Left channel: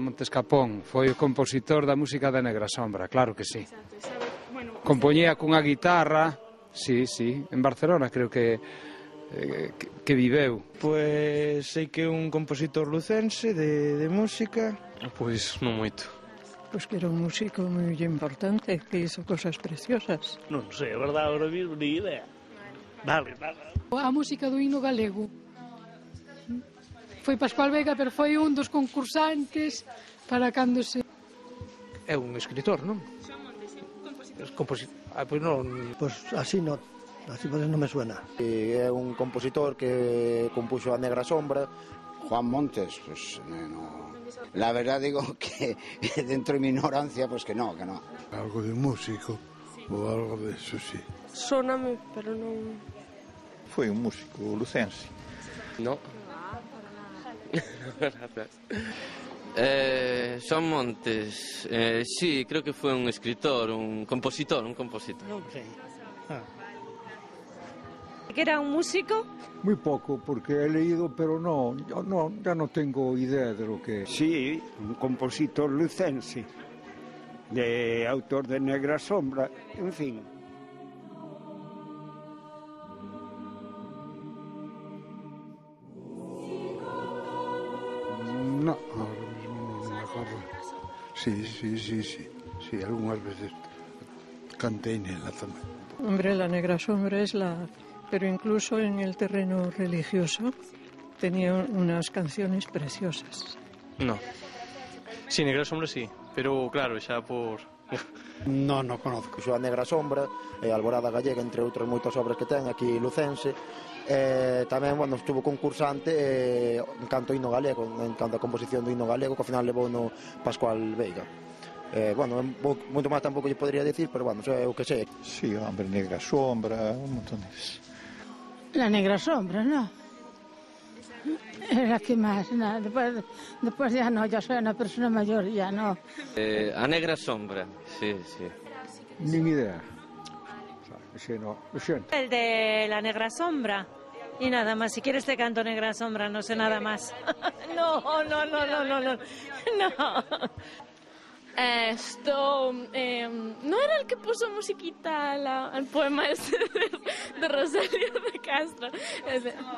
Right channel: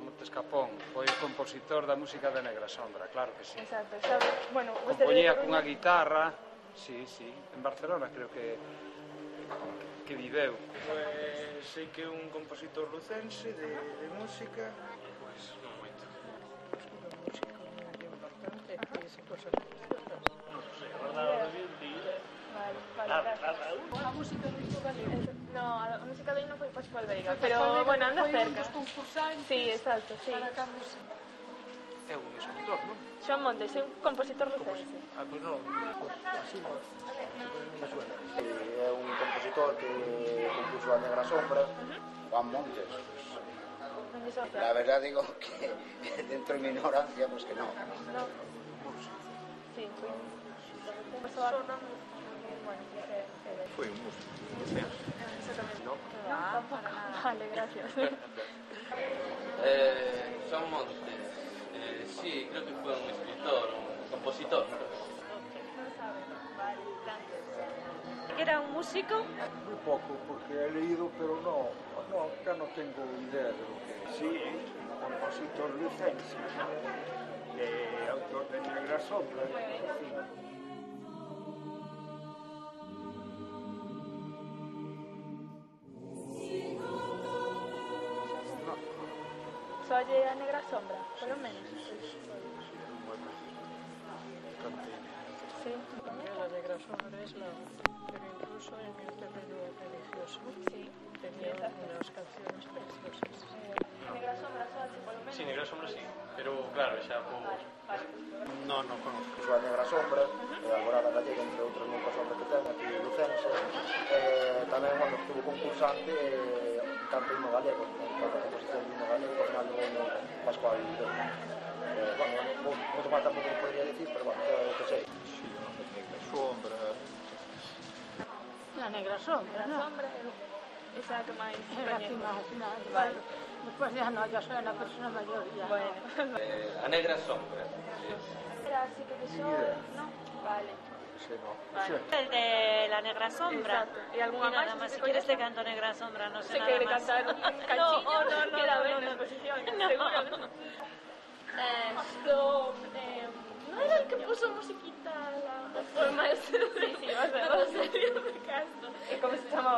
Juan Montes Capón foi o compositor da música da Negra Sombra, claro que sí. Exacto, sabe, bueno... Compoñía cunha guitarra, sí, en Barcelona creo que viveu. Pois sei que é un compositor lucense de música. Pois non moito. Pois que era un músico moi importante, que hizo cosas preciosas. Non sei, a verdade, agora mismo, ni idea. Dale. A música do hino galego. No, a música do hino foi Pascual Veiga. Foi Pascual Veiga, pero foi un dos concursantes para cando se... É un escritor, non? Xoan Montes, é un compositor lucense. Pois non... Pois así non me suena. É un compositor que compuso a Negra Sombra. Juan Montes, pues la verdad digo que dentro de mi ignorancia, pues que no. Algo de músico, o algo de eso, sí. Sóname, pero non... Foi un músico lucense. No. Vale, gracias. Xoan Montes, sí, creo que foi un escritor, un compositor. Non sei. ¿Que era un músico? Muy poco, porque he leído, pero ya no tengo idea de lo que es. Sí, un compositor lucense, de autor de Negra Sombra, en fin. No. ¿Soy de la Negra Sombra? Sí, algunas veces canté en la zona. Hombre, la Negra Sombra es la... Pero incluso en el terreno religioso tenía unas canciones preciosas. No. Sí, Negra Sombra sí, pero claro, xa por... Non conozco. Xuan Negra Sombra, Alborada Gallega, entre outras moitas obras que ten aquí lucense. Tamén, estuvo concursante en canto hino galego, en canto a composición do hino galego, que ao final levou no Pascual Veiga. Moito máis tampouco lle podría decir, pero é o que sei. Sí, hombre, Negra Sombra, un montón de... La Negra Sombra, ¿no? Es la que más, no. Después ya no, yo soy una persona mayor, ya no. A Negra Sombra, sí. Ni idea. Ese no. El de la Negra Sombra. Y nada más, si quieres te canto Negra Sombra, no sé nada más. No. ¿No era el que puso musiquita al poema ese de Rosalía de Castro?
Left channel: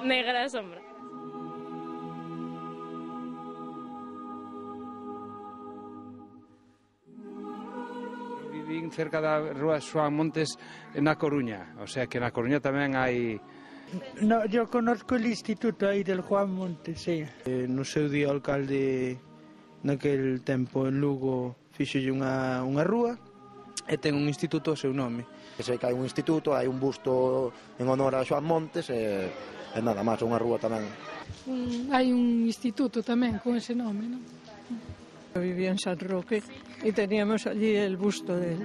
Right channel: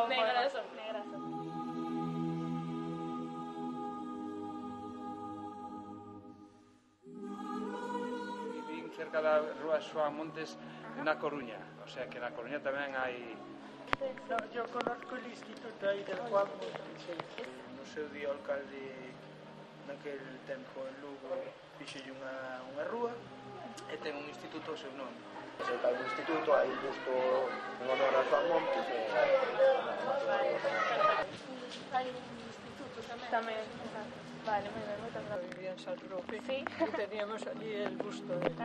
Negra Sombra. Vivín cerca da rúa Xoan Montes na Coruña, o sea que na Coruña tamén hai... No, yo conozco el instituto aí del Juan Montes, sí. No seu día o alcalde naquel tempo en Lugo fixolle unha rúa e ten un instituto ao seu nome. Sei que hai un instituto, hai un busto en honor a Xoan Montes e nada máis, unha rúa tamén. Hai un instituto tamén con ese nome, ¿no? Yo vivía en San Roque y teníamos allí el busto de él.